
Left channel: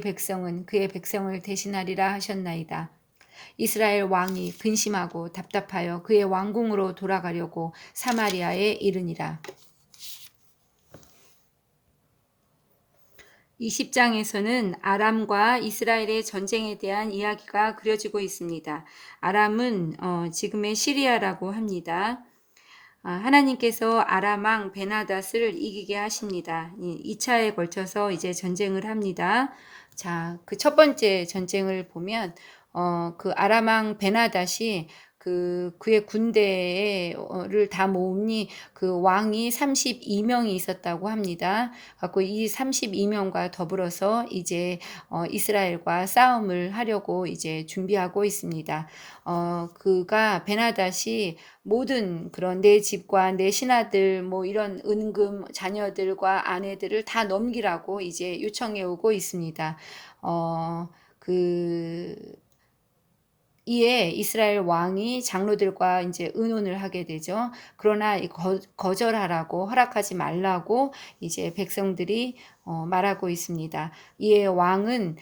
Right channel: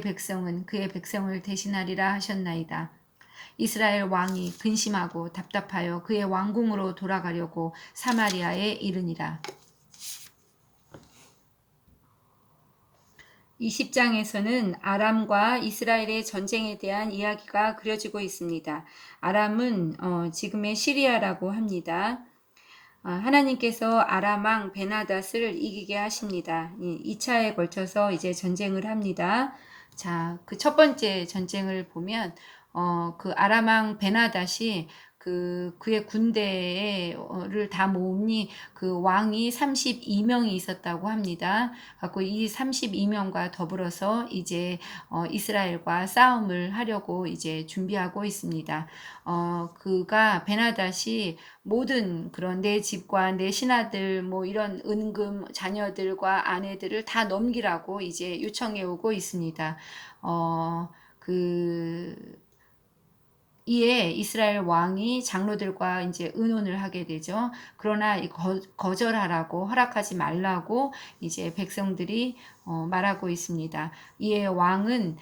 백성은 그의 백성을 대신하리라 하셨나이다. 이스라엘 왕이 근심하고 답답하여 그의 왕궁으로 돌아가려고 사마리아에 이르니라. 20장에서는 아람과 이스라엘의 전쟁에 대한 이야기가 그려지고 있습니다. 아람은 지금의 시리아라고 합니다. 하나님께서 아람 왕 베나닷을 이기게 하십니다. 2차에 걸쳐서 이제 전쟁을 합니다. 자, 그 첫 번째 전쟁을 보면 그 아람 왕 베나닷이 그의 군대를 다 모으니 그 왕이 32명이 있었다고 합니다. 갖고 이 32명과 더불어서 이제 이스라엘과 싸움을 하려고 이제 준비하고 있습니다. 그가 베나닷이 모든 그런 내 집과 내 신하들 뭐 이런 은금 자녀들과 아내들을 다 넘기라고 이제 요청해 오고 있습니다. 그 이에 이스라엘 왕이 장로들과 이제 의논을 하게 되죠. 그러나 거절하라고 허락하지 말라고 이제 백성들이 말하고 있습니다. 이에 왕은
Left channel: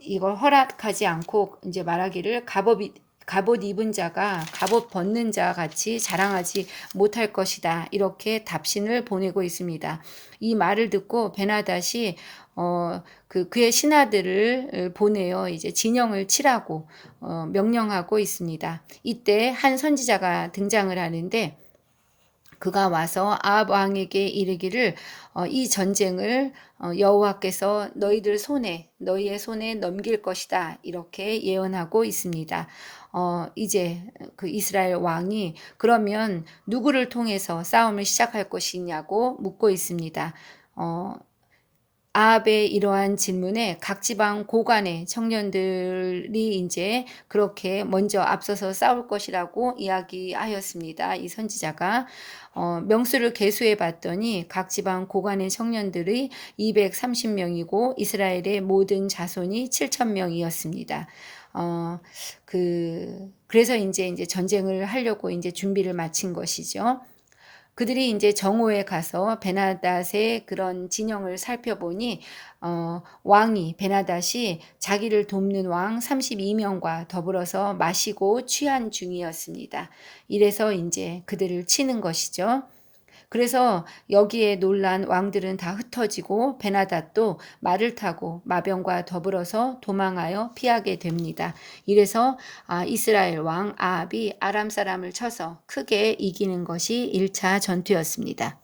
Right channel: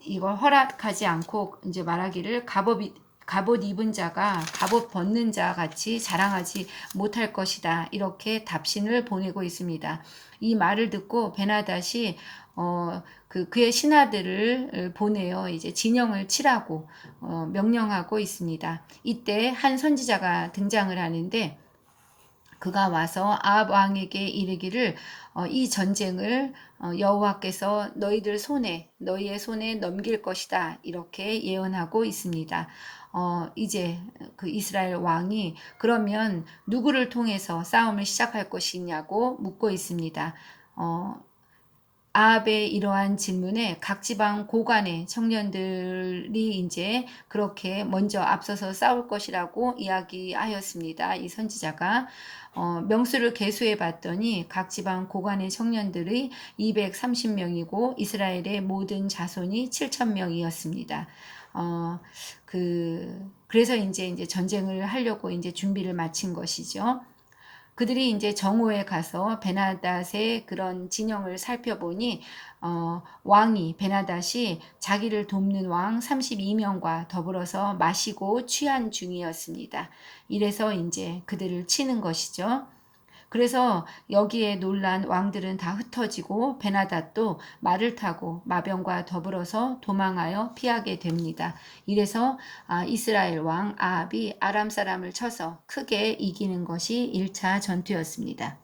이걸 허락하지 않고 이제 말하기를 갑옷 입은 자가 갑옷 벗는 자 같이 자랑하지 못할 것이다. 이렇게 답신을 보내고 있습니다. 이 말을 듣고 베나닷이 그의 신하들을 보내어 이제 진영을 치라고 명령하고 있습니다. 이때 한 선지자가 등장을 하는데 그가 와서 아합 왕에게 이르기를 이 전쟁을 여호와께서 너희의 손에 넘길 것이다 이렇게 예언하고 있습니다. 이제 그 이스라엘 왕이 그러면 누구를 통해서 싸움을 시작할 것이냐고 묻고 있습니다. 어, 아합의 이러한 질문에 각 지방 고관의 청년들이 이제 그렇게 먼저 앞서서 싸울 것이라고 이야기하였습니다. 이 선지자가 명수를 계수해 봤더니 각 지방 고관의 청년들이 230명이고 이스라엘의 모든 자손이 7,000명이었습니다. 그래서 이제 전쟁을 하려고 이제 준비를 마친 것이죠. 그들이 이제 정오에 가서 베나닷의 그런 진영을 살펴보니 왕이 베나닷이 자기를 돕는 왕 32명과 더불어서 마시고 취한 중이었습니다. 이래서 이제 그들을 치는 것이죠. 그래서 여기에 놀란 왕들은 다 흩어지고 베나닷도 말을 타고 마병과 더불어서 도망하여 피하게 됩니다. 이래서 이스라엘 왕 아합이 아람 사람을 쳐서 크게 이기는 것이 1차 전투였습니다.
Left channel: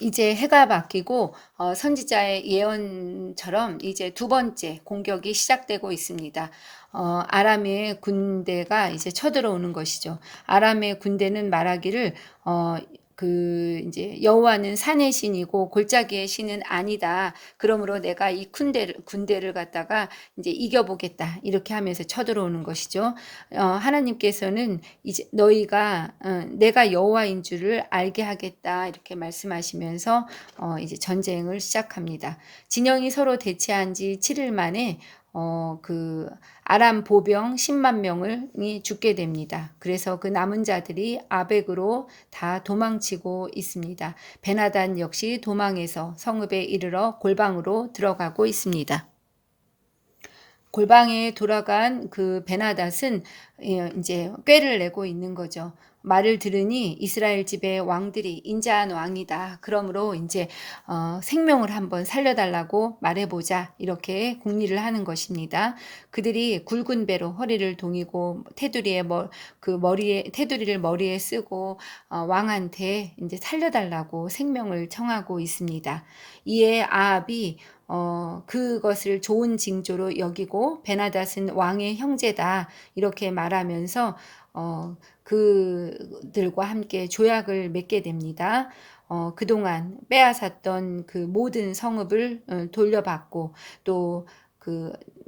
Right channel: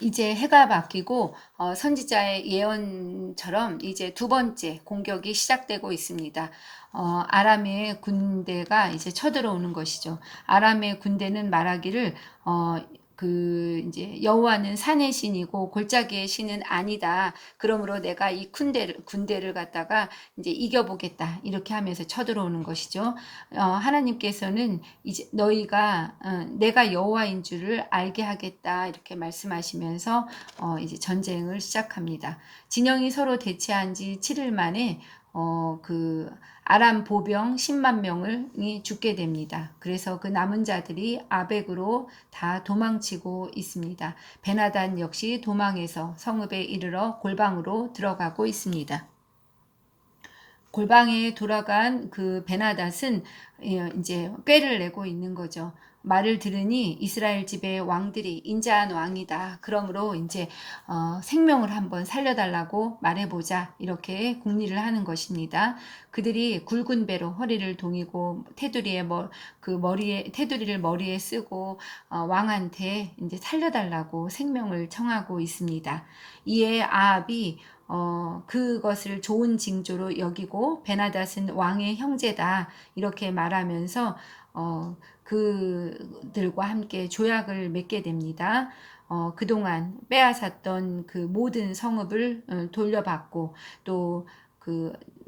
이제 해가 바뀌고 선지자의 예언처럼 이제 두 번째 공격이 시작되고 있습니다. 아람의 군대가 이제 쳐들어오는 것이죠. 아람의 군대는 말하기를 이제 여호와는 산의 신이고 골짜기의 신은 아니다. 그러므로 내가 이 군대를 갖다가 이제 이겨보겠다. 이렇게 하면서 쳐들어오는 것이죠. 하나님께서는 이제 너희가 내가 여호와인 줄을 알게 하겠다. 이렇게 말씀하시면서 이제 전쟁을 시작합니다. 진영이 서로 대치한 지 7일 만에 아람 보병 10만 명이 죽게 됩니다. 그래서 그 남은 자들이 아벡으로 다 도망치고 있습니다. 베나단 역시 도망해서 성읍에 이르러 골방으로 들어가고 있습니다. 골방에 돌아간 그 베나닷은 이제 꾀를 내고 있는 거죠. 말을 들으니 이스라엘 집의 왕들이 인자한 왕이다. 그러므로 이제 생명을 한번 살려달라고 말해보자. 이렇게 궁리를 하는 것입니다. 그들이 굵은 배로 허리를 동이고 테두리를 머리에 쓰고 왕한테 이제 살려달라고 생명을 청하고 있습니다. 이에 아합이 그것을 좋은 징조로 여기고 베나닷은 왕의 형제다 이렇게 말하면서 그들과 함께 조약을 맺게 됩니다. 그동안 빼앗았던 그 모든 성읍을 돌려받고 또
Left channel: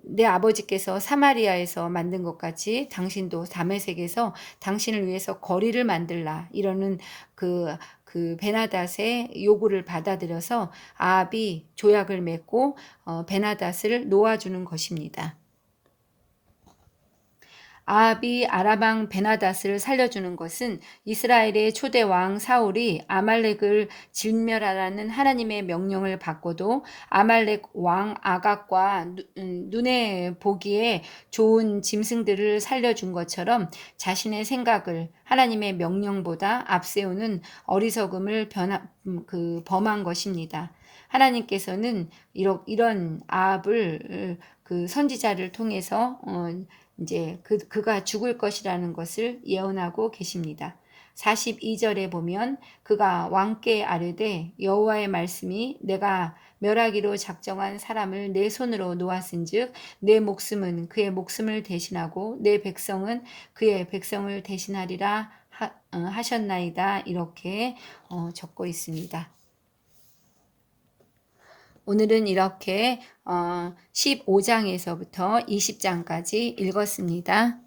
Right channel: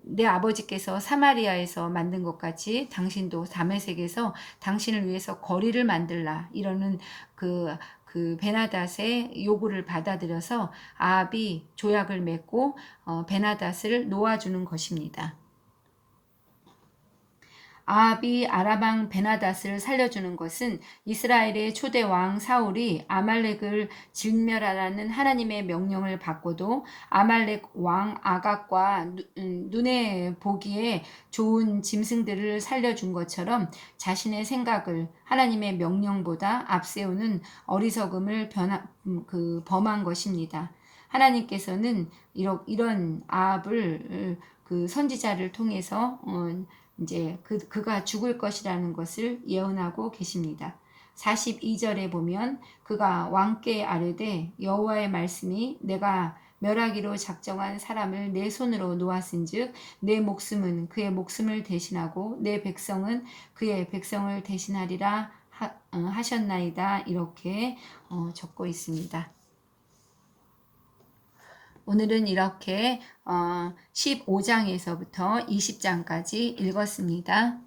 내 아버지께서 사마리아에서 만든 것 같이 당신도 다메섹에서 당신을 위해서 거리를 만들라 이러는 그 베나닷의 요구를 받아들여서 아합이 조약을 맺고 베나닷을 놓아주는 것입니다. 아합이 아람왕 베나닷을 살려주는 것은 이스라엘의 초대 왕 사울이 아말렉을 진멸하라는 하나님의 명령을 받고도 아말렉 왕 아각과 눈에 보기에 좋은 짐승들을 살려준 것처럼 자신의 생각을 하나님의 명령보다 앞세우는 어리석음을 범한 것입니다. 하나님께서는 이런 아합을 그 선지자를 통해서 이제 그가 죽을 것이라는 것을 예언하고 계십니다. 42절에 보면 그가 왕께 아뢰되 여호와의 말씀이 내가 멸하기로 작정한 사람을 내 손으로 놓았은즉 내 목숨은 그의 목숨을 대신하고 내 백성은 그의 백성을 대신하리라 하셨나이다. 이렇게 적고 있습니다. 오늘은 이렇게 15장에서부터 20장까지 읽었습니다.